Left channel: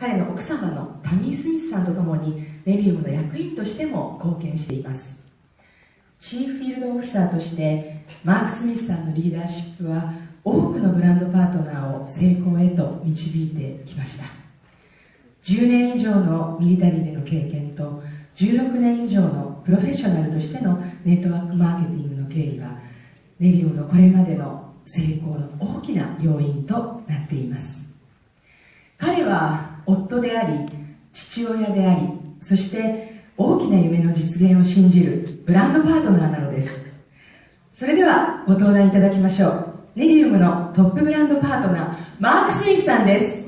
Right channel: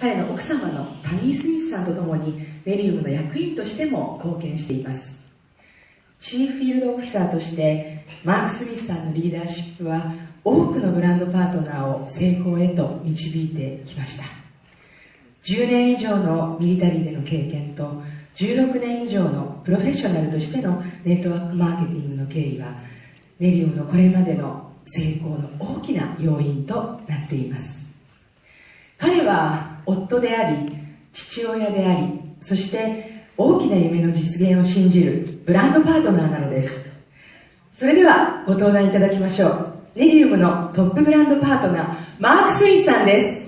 彼の奥様のタミー・スミスさんと共にネリウムの役員としても貢献しています。チーフフィールドオフィサーとしてマーク・スミスさんのリーダーシップは多くのブランドパートナーを成功へと導いてきました。10年以上のミリタリーでの経験と16年以上のプロフェッショナルとしてのネットワークマーケティングの経緯はネリウムのこれまでの成功の大きな要因となっています。彼は夫であり父親であり、そして大きな夢の実現を信じるブランドパートナーなのです。それではご登壇いただきましょう。ネリウムのトップブランドパートナーマーク・スミスさんです。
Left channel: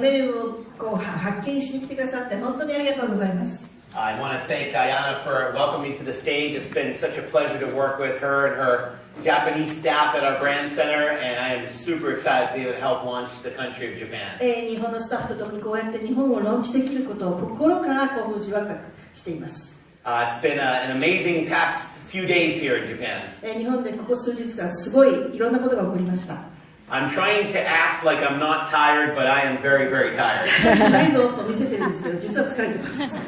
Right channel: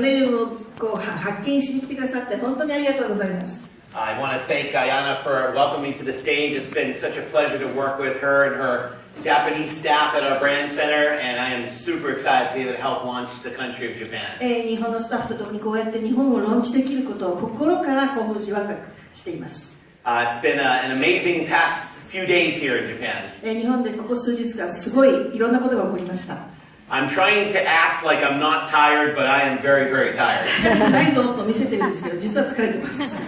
ネリウムを発見しに来てくださって本当にありがとうございます。I want to thank Ayana for welcoming me to the stage. It's been such a pleasure to work with her and her Japanese staff at our brand center, and I am super excited to be able to help launch the country of Japan. 日本のスタッフと共にこうやって日本をローンチできることを心から興奮し若くしています。It's been an amazing past few days here in Japan. 日本でここ数日間すごいいろんなことが起こりました。I'm trying to act like I'm not tired, but I am very, very tired. ないぞと見せてるんですけど、実は疲れてます。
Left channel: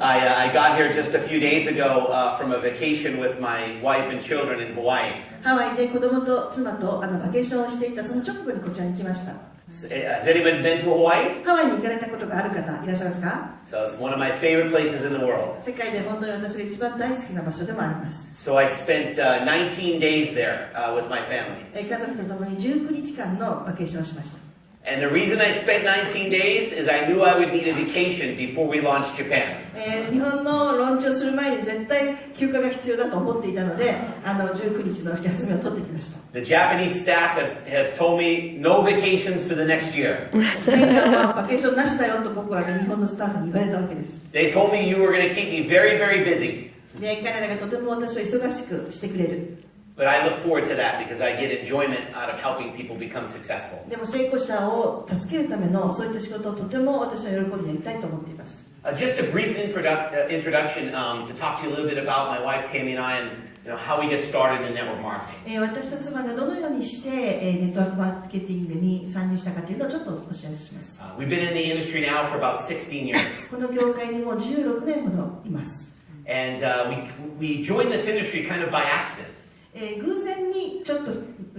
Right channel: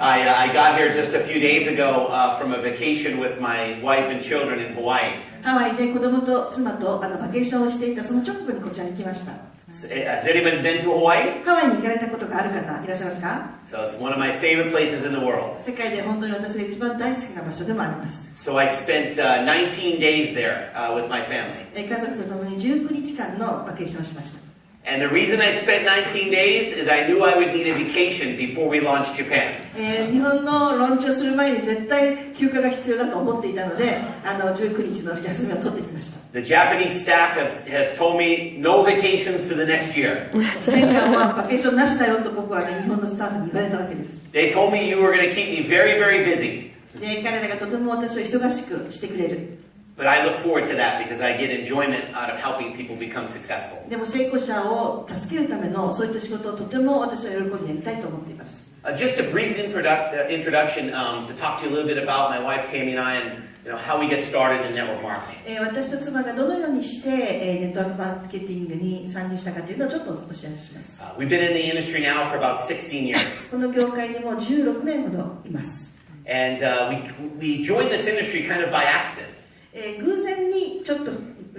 I got here just a few days ago from a vacation with my wife and children in Hawaii. ハワイで子供と妻とバケーションをしていたその直後にこちらに来ました。Has anybody been to Hawaii? ハワイに行かれたことがある方いらっしゃいますか？ So it's one of my favorite places in the world. 世界で本当に私が一番大好きな場所でもあります。So I spent 19 days there with my family. 家族と共に19日間のバケーションをしました。And the reason I spent 19 days is I knew I would need a vacation before we launched Japan. 日本のローンチをする前に絶対休暇が必要だと思っていたので、19日の休みを取ってきました。The Japanese staff have told me no vacations for the next year. バケーションなしだよと僕は日本のスタッフに言われたわけです。They told me you were going to keep me very, very busy. で、彼らがとても私を忙しくしてくれる。But I look forward to that because I get enjoyment out of helping people become successful. でも成功者を助けるためのそういった仕事をとても私は喜んでやりたいと思っています。Just a brief introduction to talk to you a little bit about my wife Tammy and I and how we get started in network marketing. 私と妻がどのようにしてネットワークマーケティングに参入したかというのをちょっとお知らせします。We've been in the industry now for about 16 years. この業界にも16年ほどいます。And we joined this industry kind of by accident. 偶然にちょっと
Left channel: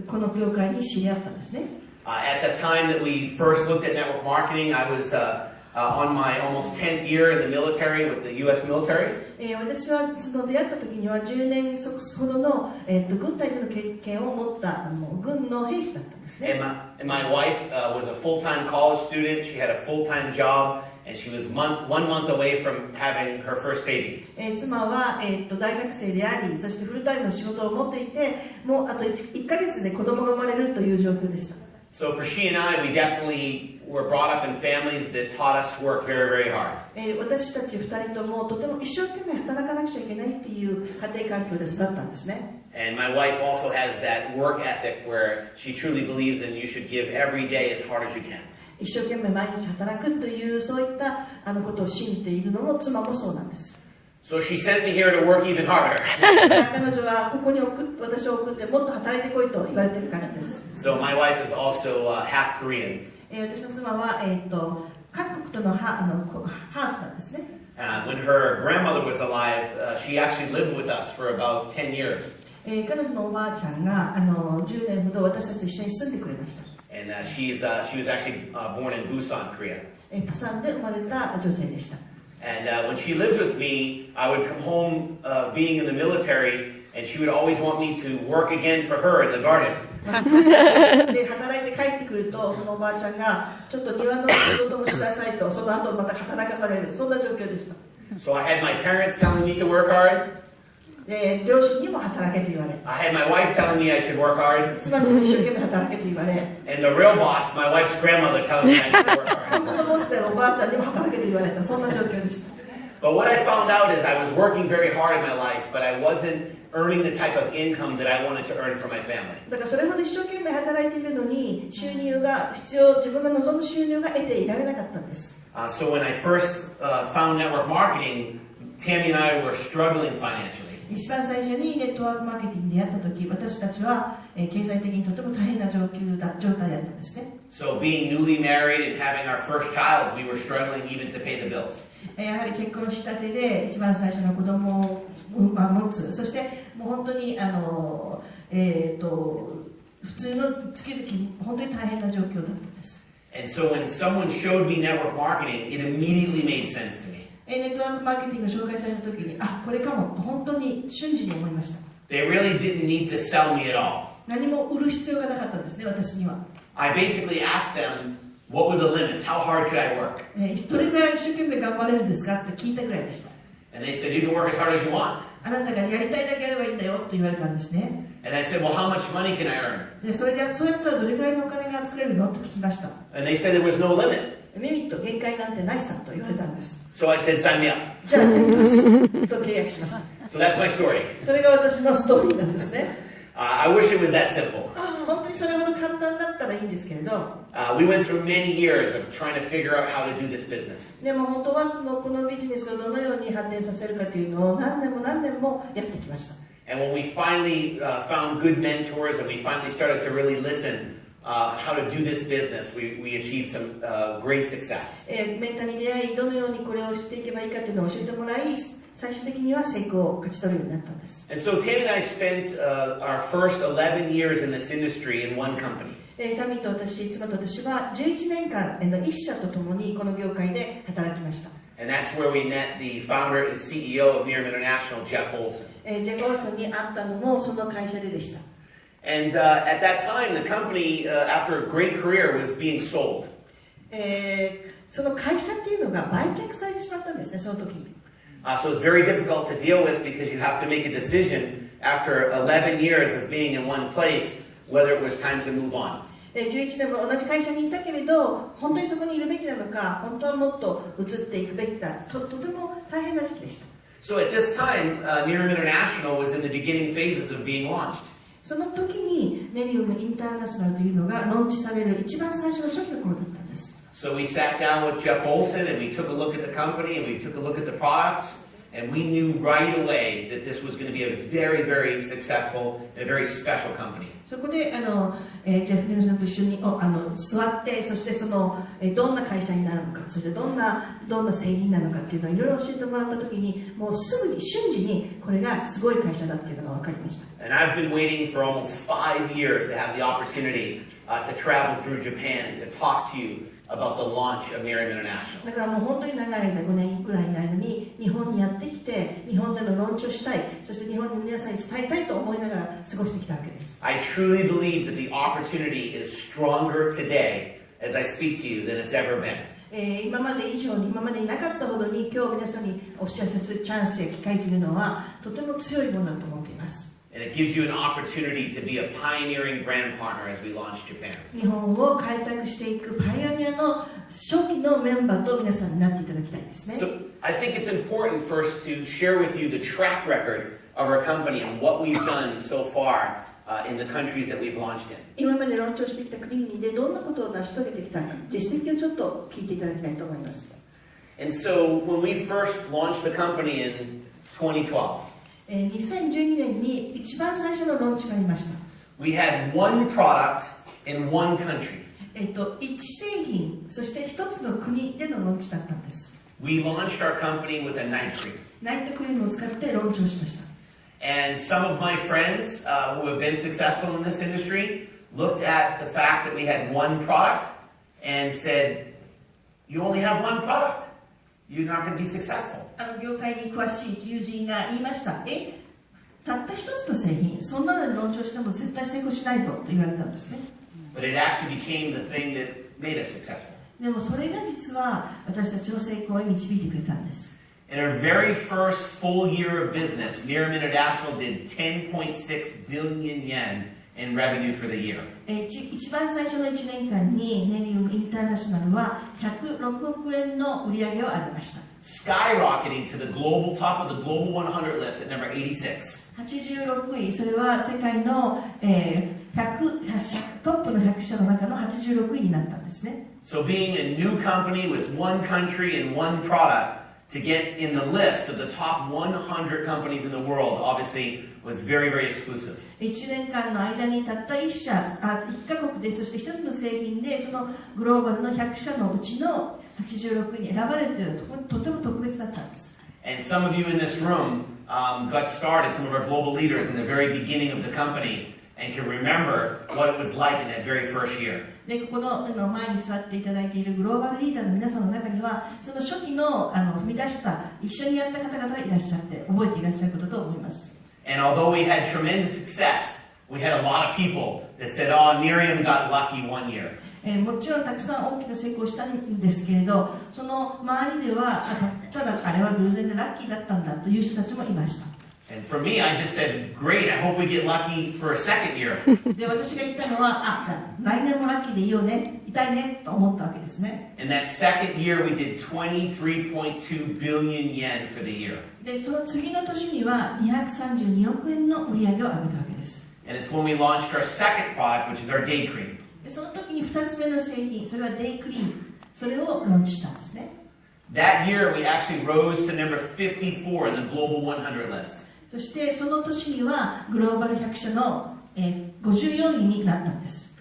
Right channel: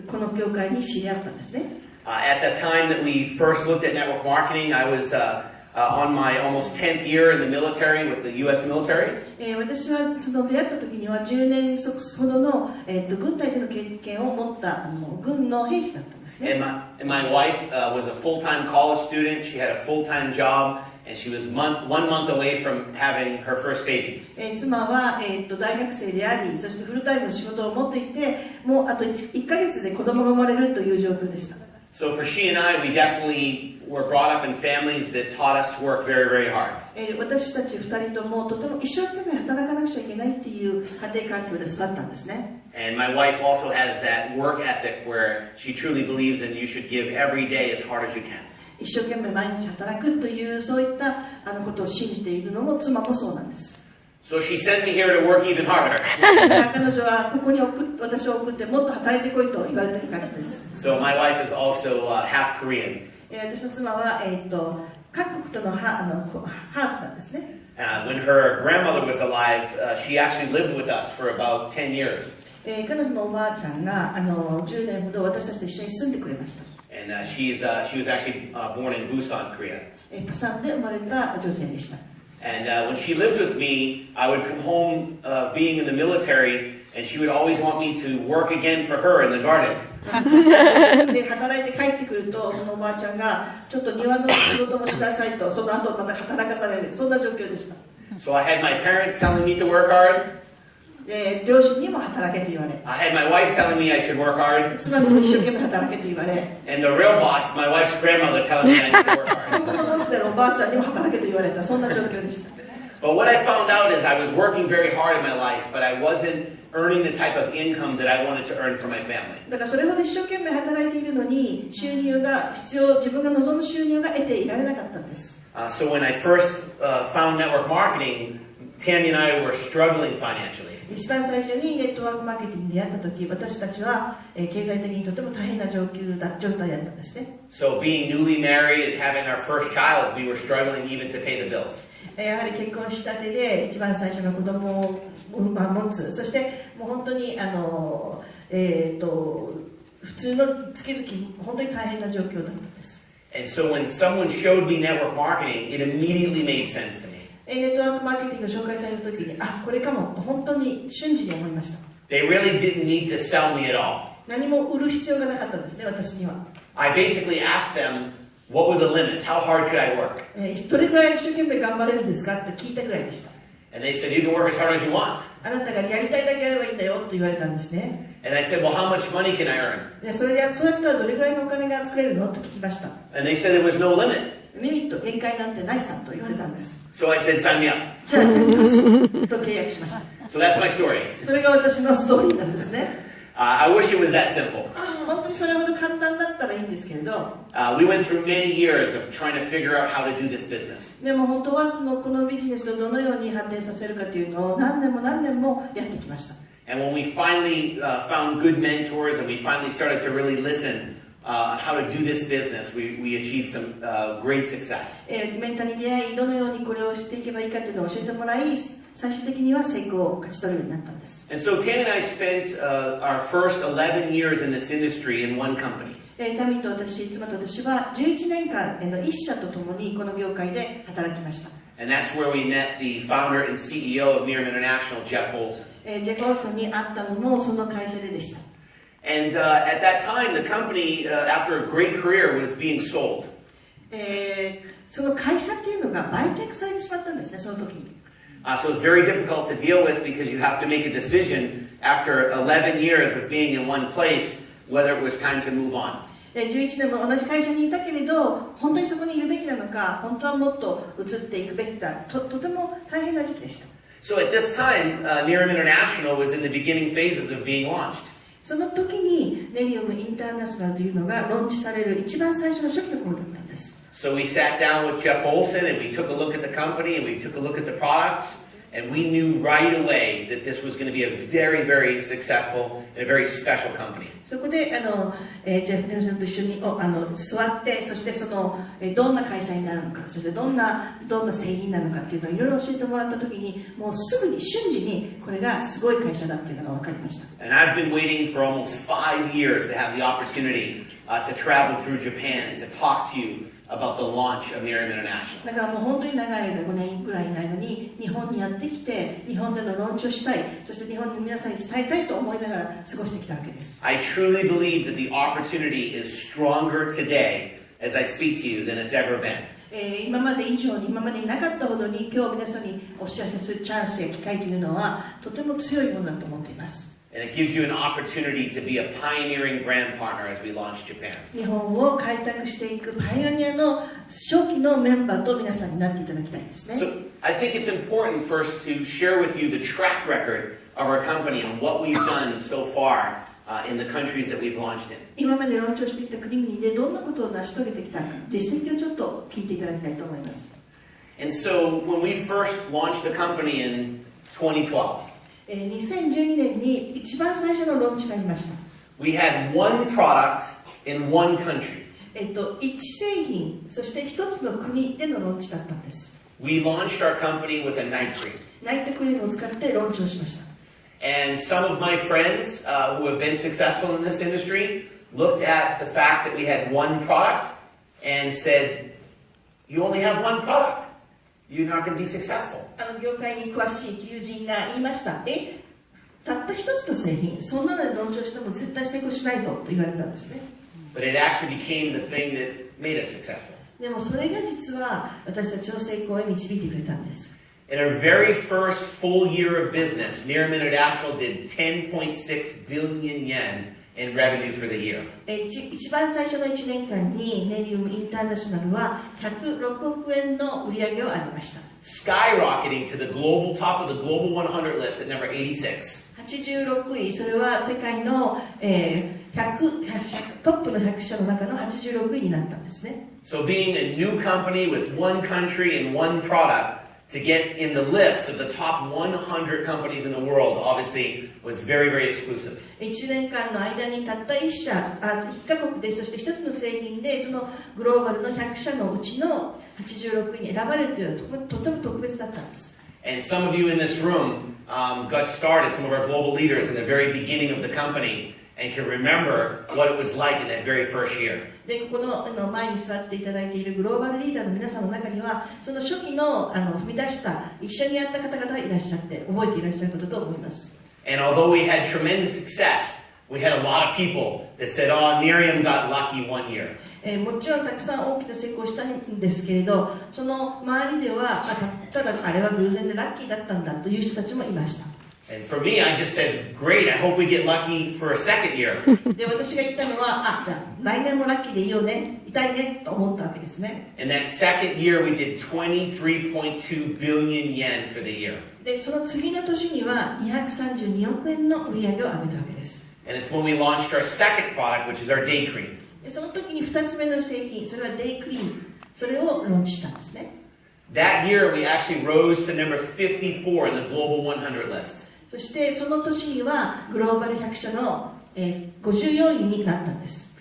この業界に知り合ったんですね。At the time that we first looked at network marketing, I was on my almost 10th year in the military with the U.S. military. 私はその出会った時には10年ほどの、軍隊での経験を持った軍の兵士だったんですね。And my wife was a full-time college student. She had a full-time job. And she was 1 month away from having her first baby. 妻は、大学生であり、そしてフルタイムの仕事を持っていて、もうあと 1ヶ月で子供が生まれるという状況でした。So for she and I, we definitely were brought up in families that taught us to work very, very hard. 私たち2人ともとても一生懸命働かなくちゃいけないっていう家庭環境で育ったんですね。And my wife also has that work ethic where she truly believes that you should give every day as hard as you can. 一生懸命毎日働くというそういったことを信じているのも妻もそうなんです。So she sent me here to work even harder. 彼女はここに私を送ってもっと働いてこいと言われている感じです。So my wife is also half Korean. 私の妻は韓国とのハーフなんですね。When her grandmother was alive, she actually lived with us for about 10 years. 彼女のおばあちゃんが10年ほど私たちと一緒に住んでくれました。And she was actually born in Busan, Korea. プサンで生まれた女性でした。And when she lived with me, I would come home being in the military, and she would always want me to work again for her in the garden. で働いて帰ってくるとそのおばあちゃんがちょっと庭の仕事もしなさいとその後また働かされるそんな状況でした。So I had my parents telling me to work hard. で両親にも働けと言われ。I had my wife telling me I should work hard. 妻にも一生懸命働けと言われ。And the real boss, my wife's grandmother, telling me I need to work hard. 本当のボスでおばあちゃんにも働けと言われたそんな状況でした。But what I found out is I was working very hard in my life, but I wasn't earning the type of income that I wanted to earn for my family. だからそれほど一生懸命働いているのに収入が必要、自分が望む収入が得ていられなかったんです。So when I first found network marketing, Tammy and I were struggling financially. 一番最初にネットワークマーケティングに出会った時、私たちは経済的にとても大変な状態だったんですね。So being newly married and having our first child, we were struggling even to pay the bills. やはり結婚したてで一番最初の子供を持つ、そしてもう本当に普通の月々本当に大変な状況だったんです。And so when someone showed me network marketing, it immediately made sense to me. ネットワークマーケティングを紹介された時に、あ、これかもと本当に瞬時に思いました。They really didn't need to sell me at all. 何も売る必要がなかったんですね、私には。I basically asked them, what were the limits? How hard could I work? どれぐらい一生懸命頑張れるんですかって聞いたぐらいでした。And they said, you can work as hard as you want. あなたがやりたいだけやればいいんだよと言われたんですね。And I said, well, how much money can I earn? でそうやったらどれぐらいのお金が作れるのと聞きました。And they said there was no limit. リミット、限界なんてないさと言われたんです。So I said, sign me up. じゃあやりますと契約しました。So that's my story. それが私のストーリーなんですね。I wish it was that simple. 本当にそれほど簡単だったらいいんですけれど、We went through many years of trying to figure out how to do this business. でも本当はこのビジネスをどのように発展させるかというのを何年もやってきました。And when we finally found good mentors and we finally started to really listen how to do this business, we achieved some great success. メンターに出会い、どのようにこれをしていけばいいかというのを教えてもらい、最終的には成功を勝ち取るようになったんです。And so Tammy and I spent our first 11 years in this industry in one company. タミと私、妻と私は11年間一社と共にこの業界で働きました。And that's where we met the founder and CEO of Nerium International, Jeff Olson. ジェフ・オルソンに会ったのもその会社ででした。And at that time, the company, after a great career, was being sold. その会社っていうのが売却されてしまったんですね、その時に。So it's very difficult to deal with because you have to make a decision after 11 years of being in one place whether it was time to move on. 11年も同じ会社にいたけれど、本当にそこにいるべきなのか、本当はもっと移っていくべきか、とても大変な時期でした。So at this time, Nerium International was in the beginning phases of being launched. その時にネリウムインターナショナルというのがローンチされる一番最初の初期の頃だったんです。So we sat down with Jeff Olson and we took a look at the company and we took a look at the products and we knew right away that this was going to be a very, very successful and a very special company. そこでジェフ・ネルソンと一緒に座って、そしてどんな会社になるのか、そしてどんな製品なのかっていうのをいろいろ教えてもらった時に、もうすぐに瞬時にこれがすごい会社だっていうのが分かりました。And I've been waiting for almost 5 years to have the opportunity to travel through Japan and to talk to you about the launch of Nerium International. だからもう本当に長い間、5年ぐらいの間に日本にやってきて、日本でのローンチをしたい、そして日本の皆さんに伝えたいと思いながら過ごしてきたわけです。I truly believe that the opportunity is stronger today as I speak to you than it's ever been. 今まで以上に、今までになかったほどに、今日皆さんにお知らせするチャンスや機会というのはとても強いものだと思っています。And it gives you an opportunity to be a pioneering brand partner as we launch Japan. 日本を開拓していくパイオニアの初期のメンバーと皆さんになっていただきたいですね。So I think it's important first to share with you the track record of our company and what we've done so far in the countries that we've launched in. 今までローンチをしてきた国々でどんなことを成し遂げてきたか、実績をちょっと聞いていただきたいと思います。And so when we first launched the company in 2012, 2012年に一番最初のローンチがありました。we had one product in one country. 一製品、そして一つの国でのローンチだったんです。We launched our company with a night cream. ナイトクリームを使ってローンチをしました。And some of my friends who have been successful in this industry looked at the fact that we had one product and said, you only have one product. You're not going to be successful. 業界に詳しい友人が言いました。たった一つの製品、そんなのにローンチをしても絶対成功しないぞと言われたんですね。But it actually became the thing that made us successful. でもそれが実は私たちの成功へ導いてくれたんです。In our very first full year of business, Nerium International did 10.6 billion yen in revenue for the year. 一番最初の1年間にネリウムインターナショナルは106億円の売り上げを上げました。skyrocketing to the global top of the global 100 list at number 86. 86位、それは世界の、トップの100社の中の86位になったんですね。So being a new company with one country and one product to get in the list of the top 100 companies in the world obviously was very, very exclusive. 1年間の間にたった1カ国で、そして1つの製品で、そのグローバルの100社のうちの86位に選ばれるというのはとても特別だったんです。And some of you in this room got started, some of our global leaders in the very beginning of the company, and can remember what it was like in that very first year. で、ここの前に座っていただいているグローバルリーダーの皆さんの中には、その初期の踏み出した一緒にやった方々がいらっしゃって、覚えていらっしゃることと思います。And although we had tremendous success, we had a lot of people that said, "Oh, Nerium got lucky one year." もちろんたくさん大きな成功したんですけれど、その周りではただあれは偶然でラッキーだったんだという人たちもいました。And for me, I just said, "Great! I hope we get lucky for a second year." で、私が言ったのは、じゃあ来年もラッキーでいいよね、いたいねと思ったわけですね。And that second year, we did 23.2 billion yen for the year. で、その次の年には232億円の売り上げを上げたわけです。And it's when we launched our second product, which is our day cream. で、その時に2つ目の製品、それはデイクリーム、それをローンチしたんですね。That year, we actually rose to number 54 in the global 100 list. そしてその年にはグローバル100社の54位になったんです。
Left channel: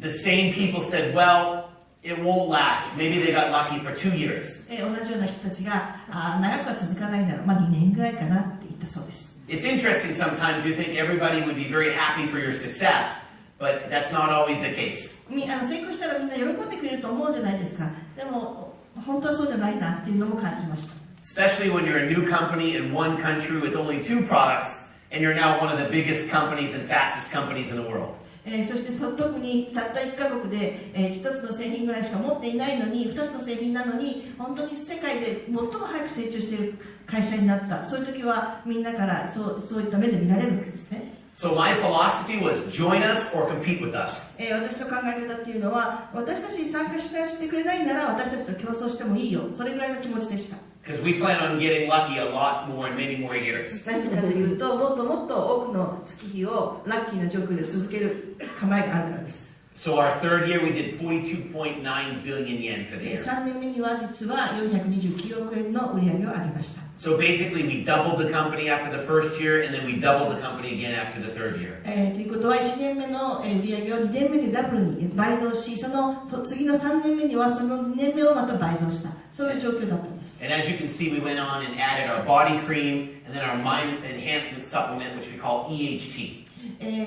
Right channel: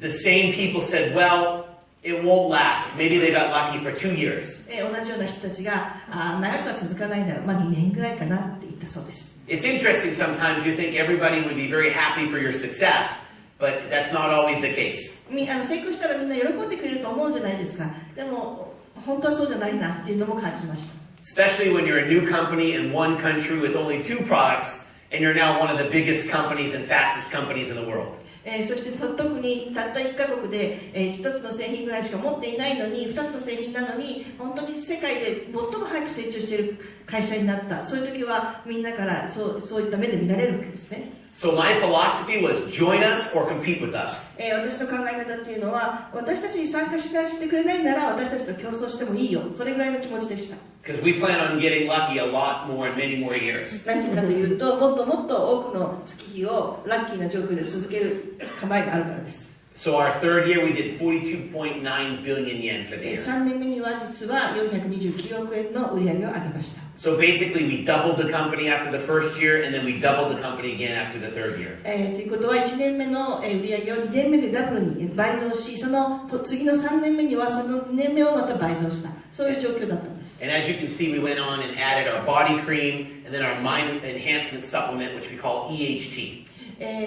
The same people said, "Well, it won't last. Maybe they got lucky for 2 years." 同じような人たちが長くは続かないなら、2年ぐらいかなって言ったそうです。It's interesting sometimes you think everybody would be very happy for your success, but that's not always the case. 成功したらみんな喜んでくれると思うじゃないですか。でも本当はそうじゃないなっていうのも感じました。Especially when you're a new company in one country with only 2 products, and you're now one of the biggest companies and fastest companies in the world. そして特にたった1カ国で、1つの製品ぐらいしか持っていないのに、2つの製品なのに、本当に世界で最も早く成長している会社になった。そういう時はみんなからそういった目で見られるわけですね。So my philosophy was join us or compete with us. 私の考え方っていうのは、私たちに参加してくれないなら私たちと競争してもいいよ。それぐらいの気持ちでした。Because we plan on getting lucky a lot more in many more years. なぜかというと、もっともっと多くの月日をラッキーな状況で続ける構えがあるからです。So our third year we did 42.9 billion yen for the year. 3年目には実は429億円の売り上げを上げました。So basically we doubled the company after the first year and then we doubled the company again after the third year. ということは1年目の売り上げを2年目でダブルに倍増し、その次の3年目にはその2年目をまた倍増した。そういう状況だったんです。And as you can see, we went on and added our body cream and then our mind enhancement supplement, which we call EHT.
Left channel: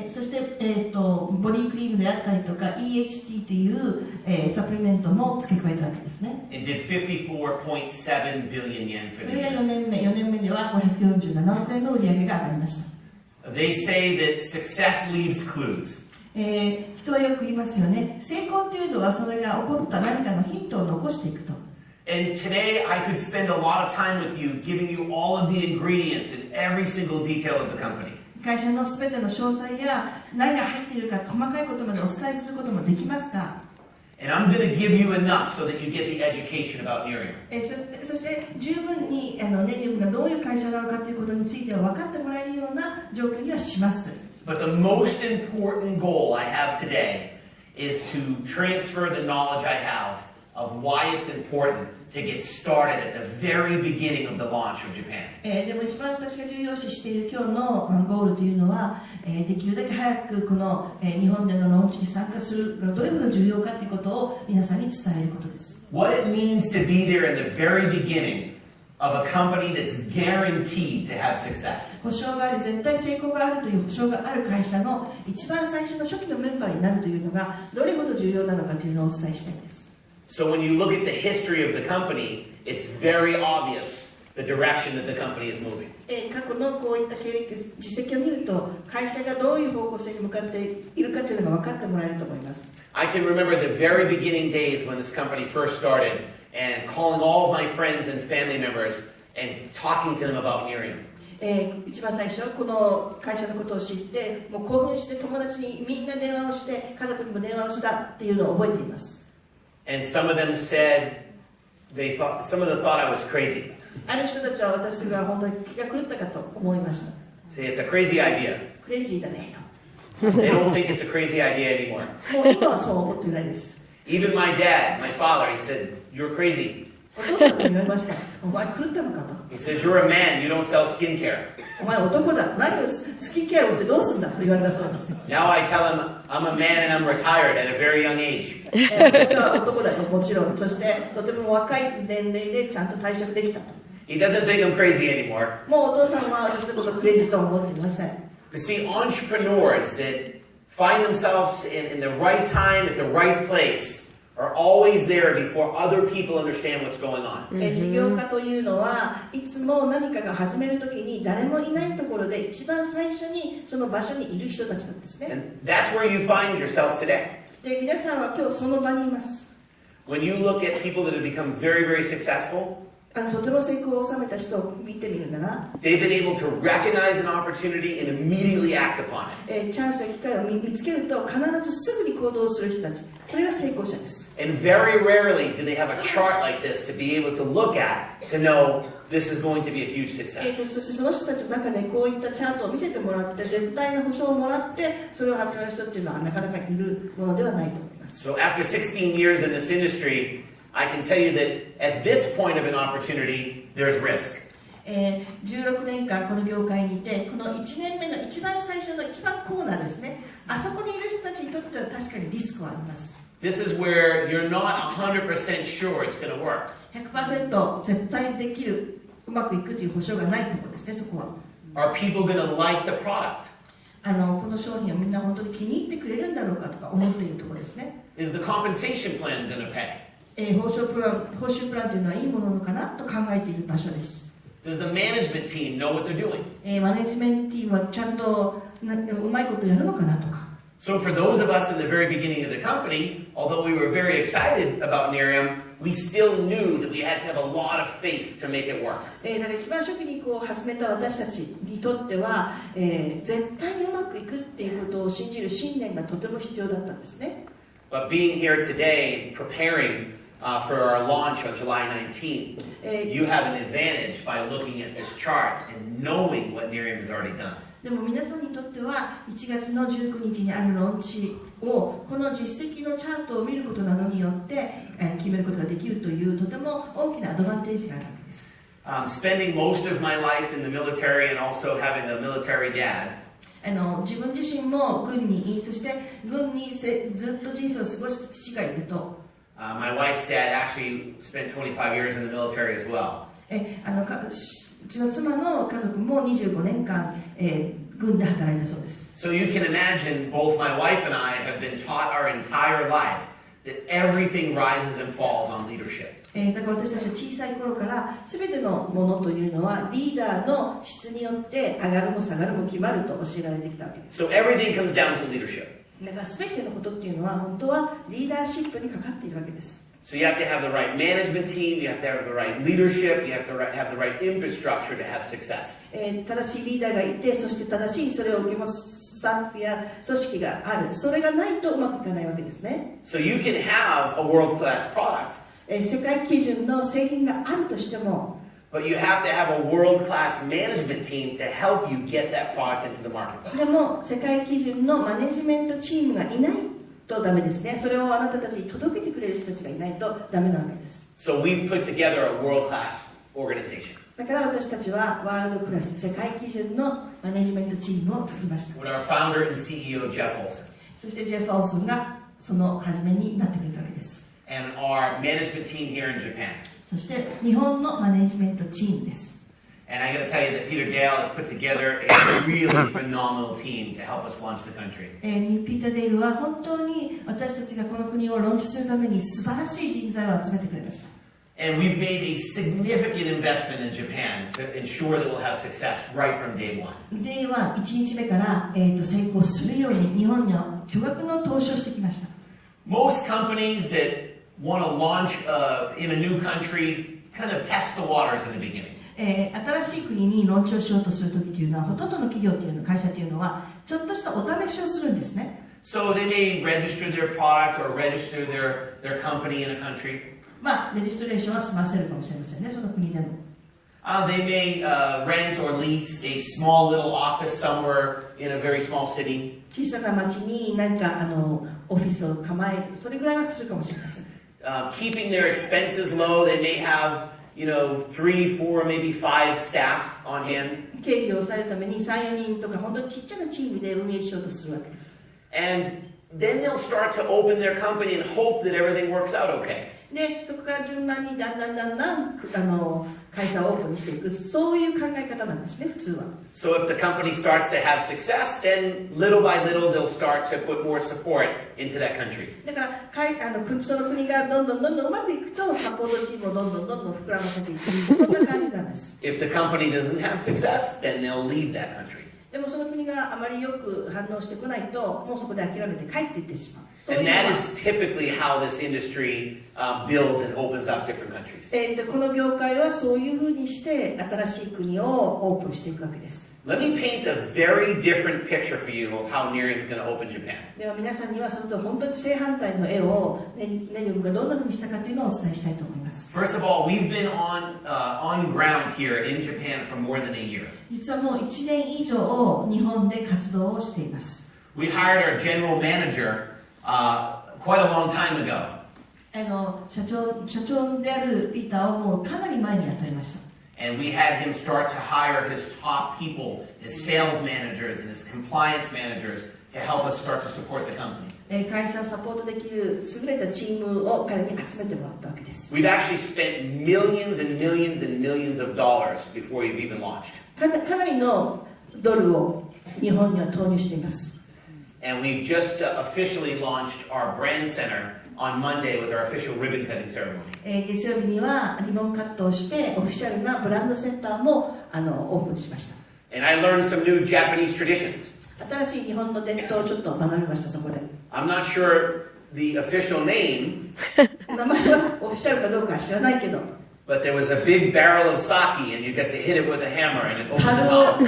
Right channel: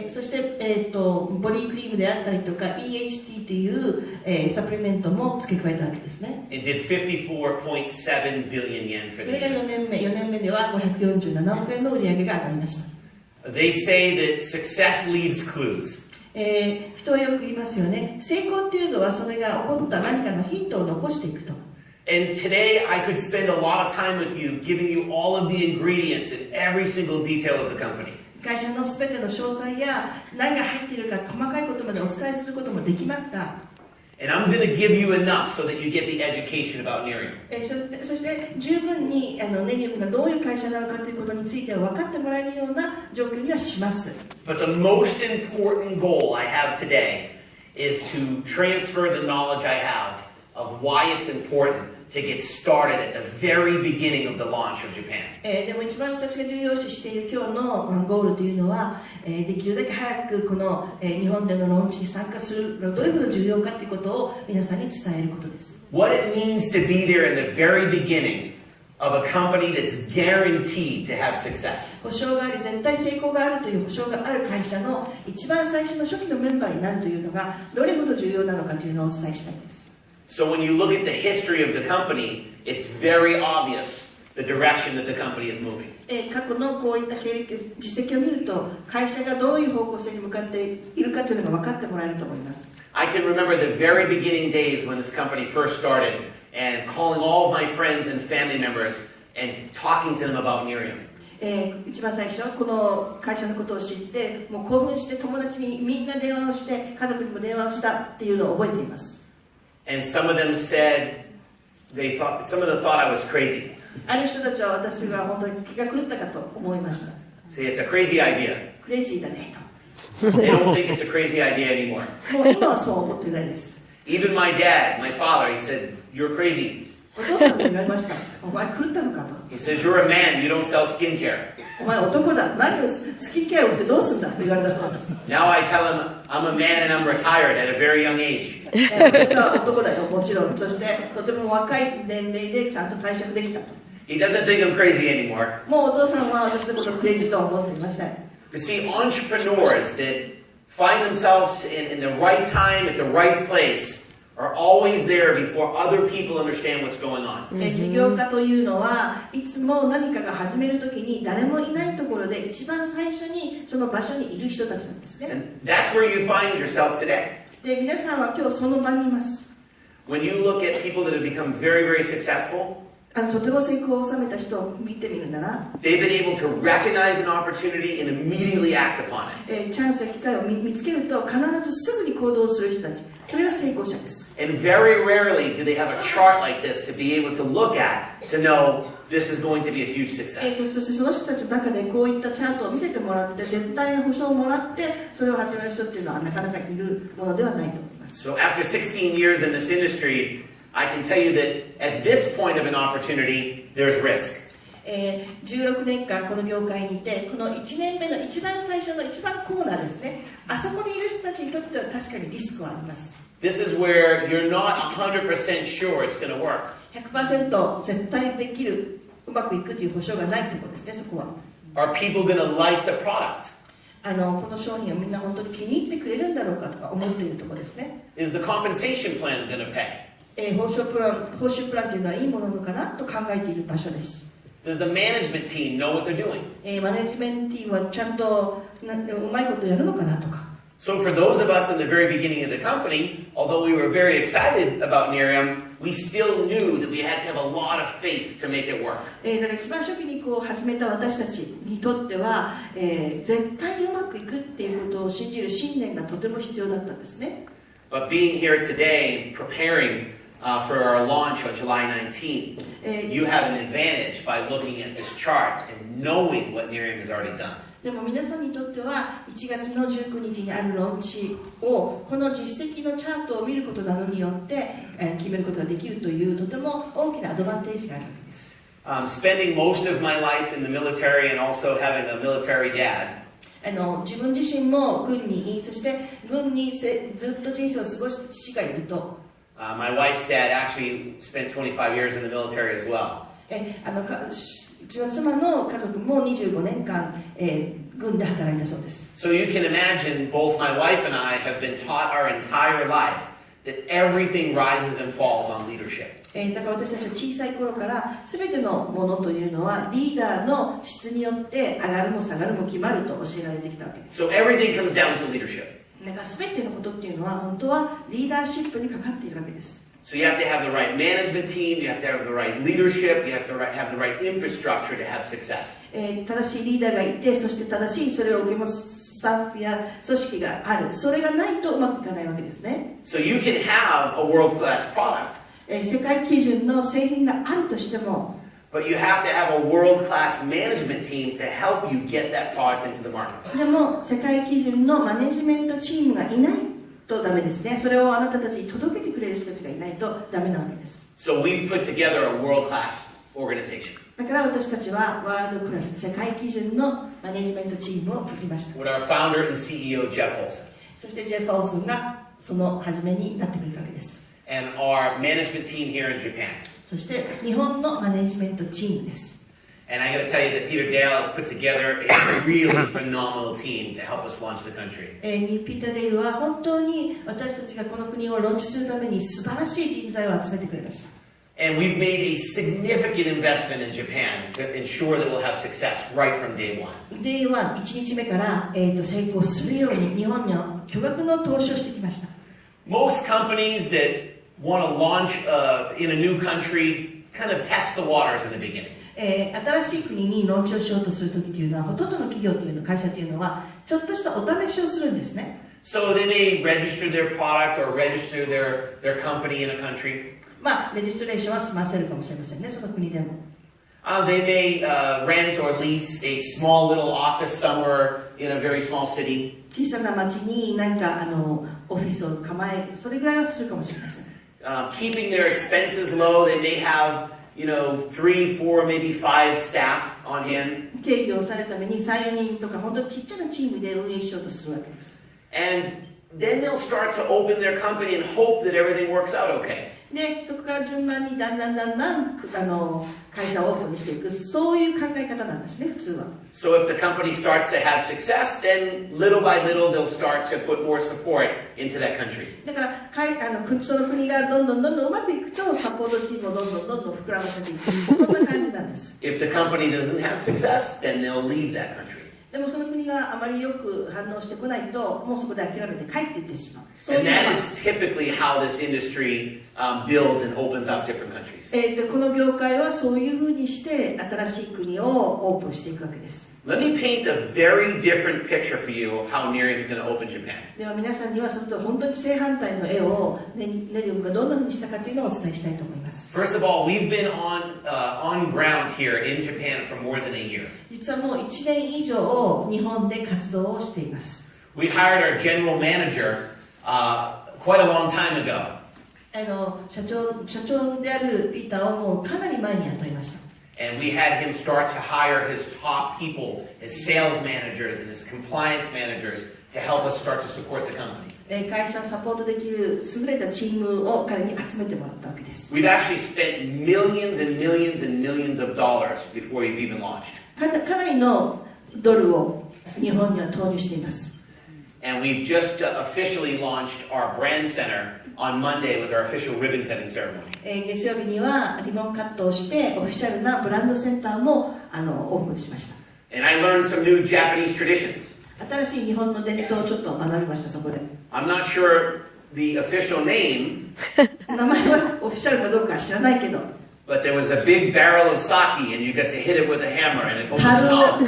そして、ボディクリームであったりとか EHT という、サプリメントも付け加えたわけですね。It did 54.7 billion yen for そ the れが year. 4年目では547億円の売り上げが上がりました。They say that success leaves clues. 人はよく言いますよね。成功っていうのはそれが起こった何かのヒントを残していくと。And today I could spend a lot of time with you giving you all of the ingredients and every single detail of the company. 会社のすべての詳細や何が入っているか細かいことまでお伝えすることもできますが、And I'm going to give you enough so that you get the education about Nerium. そして十分にネリウムがどういう会社なのかということについては分かってもらえるような状況にはします。But the most important goal I have today is to transfer the knowledge I have of why it's important to get started at the very beginning of the launch of Japan. でも一番私が重要視している今日のゴールというのは、できるだけ早くこの日本でのローンチに参加するどれほど重要かということを皆さんに伝えることです。What it means to be there in the very beginning of a company that's guaranteed to have success. 保証があり絶対成功があるという保証がある会社の一番最初の初期のメンバーになるというのがどれほど重要なのかというのをお伝えしたいです。So when you look at the history of the company, it's very obvious the direction that the company is moving. 過去のこういった経歴実績を見ると会社がどういう方向性に向かっているかというのが分かってもらえると思います。I can remember the very beginning days when this company first started and calling all of my friends and family members and talking to them about Nerium. 一番最初この会社のことを知ってもう興奮して友達にみんな電話をして家族にも電話をしたっていうのを覚えています。And some of them said, some of them thought I was crazy. ある人たちは私が本当に気が狂ったかと思いました。Say it's a crazy idea. クレイジーだね They don't think it's a crazy idea anymore. と。もう今はそう思っていないです。Even my dad, my father, he said, "You're crazy." お父さんに言われました。お前狂ったのかと。He says, "You're a man. You don't sell skincare." お前男だ。何をスキンケアを売ってどうすんだと言われたそうです。Now I tell him I'm a man and I'm retired at a very young age. 私は男だよ、もちろん。そしてとても若い年齢でちゃんと退職できたと。He doesn't think I'm crazy anymore. もうお父さんは私のことをクレイジーとは思っていません。You see, entrepreneurs that find themselves in the right time at the right place are always there before other people understand what's going on. 起業家というのはいつも何かが始めるときに誰もいないところで一番最初にその場所にいる人たちなんですね。 And that's where you find yourself today. で、皆さんは今日その場にいます。 When you look at people that have become very, very successful, とても成功を収めた人を見てみるなら、 they've been able to recognize an opportunity and immediately act upon it. チャンスや機会を見つけると必ずすぐに行動する人たち、それが成功者です。 And very rarely do they have a chart like this to be able to look at to know this is going to be a huge そ success. してその人たちの中でこういったチャートを見せてもらって絶対の保証をもらってそれを始める人っていうのはなかなかいるものではないと思います。 So after 16 years in this industry, I can tell you that at this point of an opportunity, there's risk. 16年間この業界にいてこの1年目の一番最初の一番コーナーですね、あそこにいる人たちにとっては確かにリスクはあります。 This is where you're not 100% sure it's going to work. 100% 絶対できる、うまくいくという保証がないところですね、そこは。 Are people going to like the product? この商品をみんな本当に気に入ってくれるんだろうかとか思っているところですね。 Is the compensation plan going to pay? 報酬プランというのはいいものなのかなと考えている場所です。 Does the management team know what they're doing? マネジメントチームはちゃんとうまいことやるのかなとか。 So for those of us in the very beginning of the company, although we were very excited about Nerium, we still knew that we had to have a lot of faith to make it work. だから一番初期に始めた私たちにとっては、絶対にうまくいくっていうことを信じる信念がとても必要だったんですね。 But being here today, preparing for our launch on July 19th, you have an advantage by looking at this chart and knowing what Nerium has already done. でも皆さんにとっては1月の19日にあるローンチをこの実績のチャートを見ることなどによって決めることができるというとても大きなアドバンテージがあるわけです。Spending most of my life in the military and also having a military dad, 自分自身も軍にい、そして軍にずっと人生を過ごす父がいると、my wife's dad actually spent 25 years in the military as well. うちの妻の家族も25年間、軍で働いたそうです。 So you can imagine both my wife and I have been taught our entire life that everything rises and falls on leadership. だから私たちは小さい頃から全てのものというのはリーダーの質によって上がるも下がるも決まると教えられてきたわけです。 So everything comes down to leadership. だから全てのことっていうのは本当はリーダーシップにかかっているわけです。 So you have to have the right management team, you have to have the right leadership, you have to have the right infrastructure to have success. 正しいリーダーがいて、そして正しいそれを受け持つスタッフや組織がある。それがないとうまくいかないわけですね。 So you can have a world-class product, 世界基準の製品があるとしても、 but you have to have a world-class management team to help you get that product into the market. でも世界基準のマネジメントチームがいないとダメですね。それをあなたたちに届けてくれる人たちがいないとダメなわけです。 So we've put together a world-class organization. だから私たちはワールドクラス世界基準のマネジメントチームを作りました。 With our founder and CEO, Jeff Olson. そしてジェフ・オーソンがその初めになってくれたわけです。 And our management team here in Japan. そして日本のマネジメントチームです。 And I got to tell you that Peter Dale has put together a really phenomenal team to help us launch the country. ピーター・デイルは本当に私たちがこの国をローンチするために素晴らしい人材を集めてくれました。 And we've made a significant investment in Japan to ensure that we'll have success right from day one. では1日目から、成功するように日本には巨額の投資をしてきました。 Most companies that want to launch in a new country kind of test the waters in the beginning. 新しい国にローンチをしようとするときというのはほとんどの企業というの会社というのはちょっとしたお試しをするんですね。 So they may register their product or register their company in a country. まあ、レジストレーションは済ませるかもしれませんね、その国でも。They may rent or lease a small little office somewhere in a very small city. 小さな町に何かオフィスを構える、それぐらいはするかもしれません。Keeping their expenses low, they may have, 3, 4, maybe 5 staff on hand. 経費を抑えるために3、4人とか本当にちっちゃなチームで運営しようとするわけです。And then they'll start to open their company and hope that everything works out okay. で、そこから順番にだんだん会社をオープンにしていく、そういう考え方なんですね、普通は。So if the company starts to have success, then little by little they'll start to put more support into that country. だからその国がどんどんうまくいくと、サポートチームをどんどん膨らませていく、そんな感じなんです。If the company doesn't have success, then they'll leave that country. でもその国があまりよく反応してこないと、もうそこで諦めて帰っていってしまう。And that is typically how this industry builds and opens up different countries. この業界はそういうふうにして新しい国をオープンしていくわけです。Let me paint a very different picture for you of how Nerium is going to open Japan. では皆さんにはそのと本当に正反対の絵をネリウムがどんなふうにしたかというのをお伝えしたいと思います。First of all, we've been on ground here in Japan for more than a year. 実はもう1年以上日本で活動をしています。We hired our general manager quite a long time ago. 社長であるピーターをもうかなり前に雇いました。And we had him start to hire his top people, his sales managers and his compliance managers to help us start to support the company. 会社をサポートできる優れたチームを彼に集めてもらったわけです。We've actually spent millions and millions and millions of dollars before we've even launched. かなりのドルを日本には投入しています。And we've just officially launched our brand center on Monday with our official ribbon cutting ceremony. 月曜日にはリボンカットをしてオフィシャルなブランドセンターもオープンしました。And I learned some new Japanese traditions. 新しい日本の伝統をちょっと学びましたそこで。I'm not sure the official name. 名前はオフィシャルかどうかは知らないけど。But there was a big barrel of sake, and you got to hit it with a hammer, and it opened the top.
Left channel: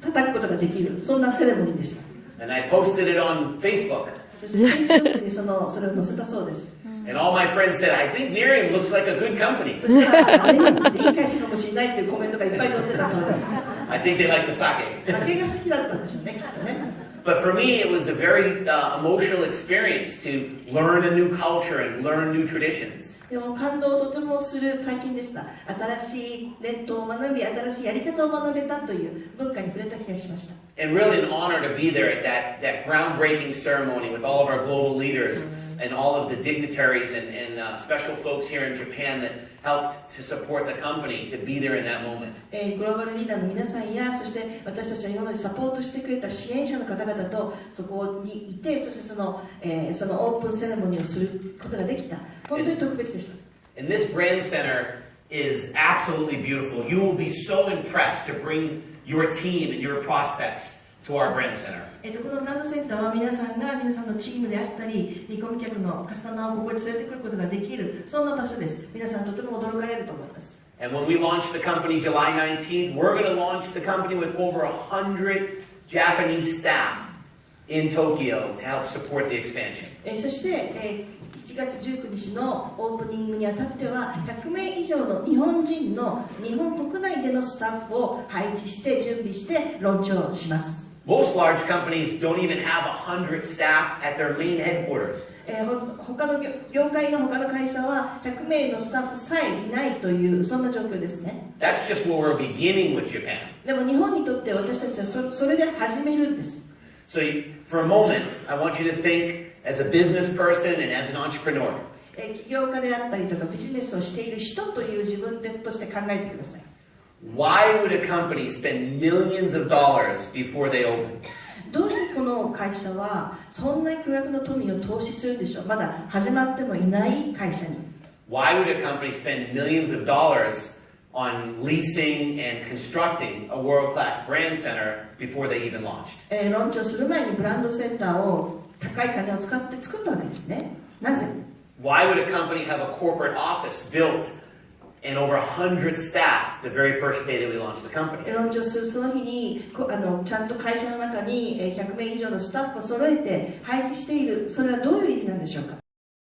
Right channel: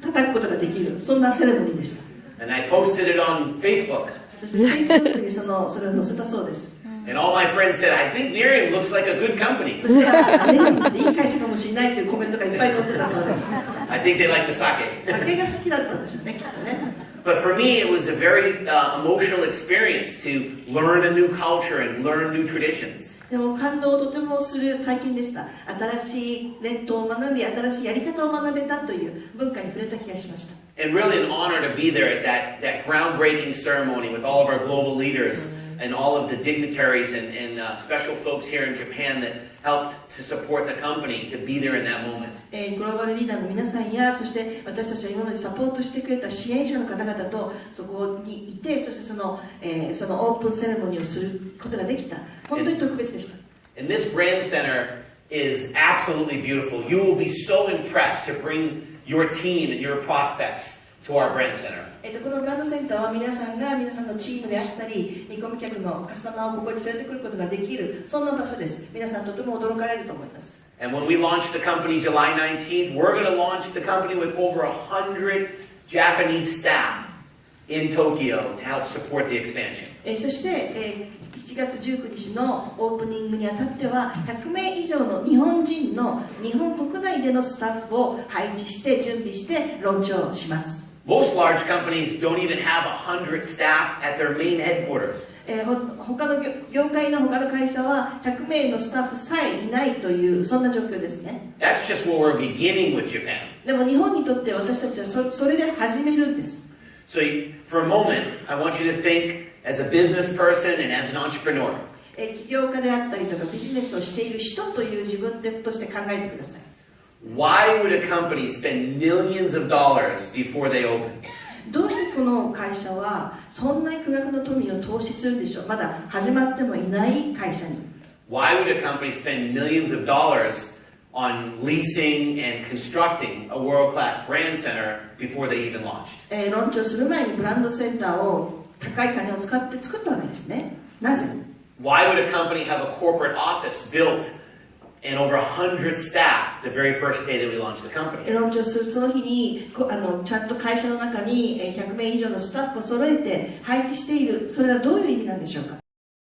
叩くことができる、そんなセレモニーでした。And I posted it on Facebook. Facebook にそれを載せたそうです。And all my friends said, I think Nerium looks like a good company. そしたら、ネリウムっていい会社かもしれないっていうコメントがいっぱい載ってたそうです。I think they like the sake. 酒が好きだったんですよね、きっとね。But for me, it was a very emotional experience to learn a new culture and learn new traditions. でも感動をとてもする体験でした。新しい伝統を学び、新しいやり方を学べたという文化に触れた気がしました。And really an honor to be there at that groundbreaking ceremony with all of our global leaders and all of the dignitaries and special folks here in Japan that helped to support the company to be there in that moment. グローバルリーダーの皆さんや、そして私たちが今までサポートしてくれた支援者の方々とそこにいて、そしてそのオープンセレモニーをすることができた。本当に特別でした。And this brand center is absolutely beautiful. You will be so impressed to bring your team and your prospects to our brand center. このブランドセンターは皆さんのチームであったり、見込み客のカスタマーをここに連れてくることができる、そんな場所です。皆さんとても驚かれると思います。And when we launch the company July 19th, we're going to launch the company with over 100 Japanese staff in Tokyo to help support the expansion. そして、1月19日のオープニングにあたっては100名以上の日本人の日本国内でのスタッフを配置して準備してローンチをします。Most large companies don't even have 100 staff at their main headquarters. 他の業界の他の会社は100名のスタッフさえいないというそんな状況ですね。That's just where we're beginning with Japan. でも日本にとって私たちはそれで始めるんです。So for a moment, I want you to think as a business person and as an entrepreneur. 起業家であったりとかビジネスをしている人という自分として考えてください。Why would a company spend millions of dollars before they open? どうしてこの会社はそんな巨額の富を投資するでしょう。まだ始まってもいない会社に。Why would a company spend millions of dollars on leasing and constructing a world-class brand center before they even launched? ローンチをする前にブランドセンターを高い金を使って作ったわけですね。なぜ？ Why would a company have a corporate office built and over 100 staff the very first day that we launched the company? ローンチをするその日にちゃんと会社の中に100名以上のスタッフを揃えて配置している。それはどういう意味なんでしょうか？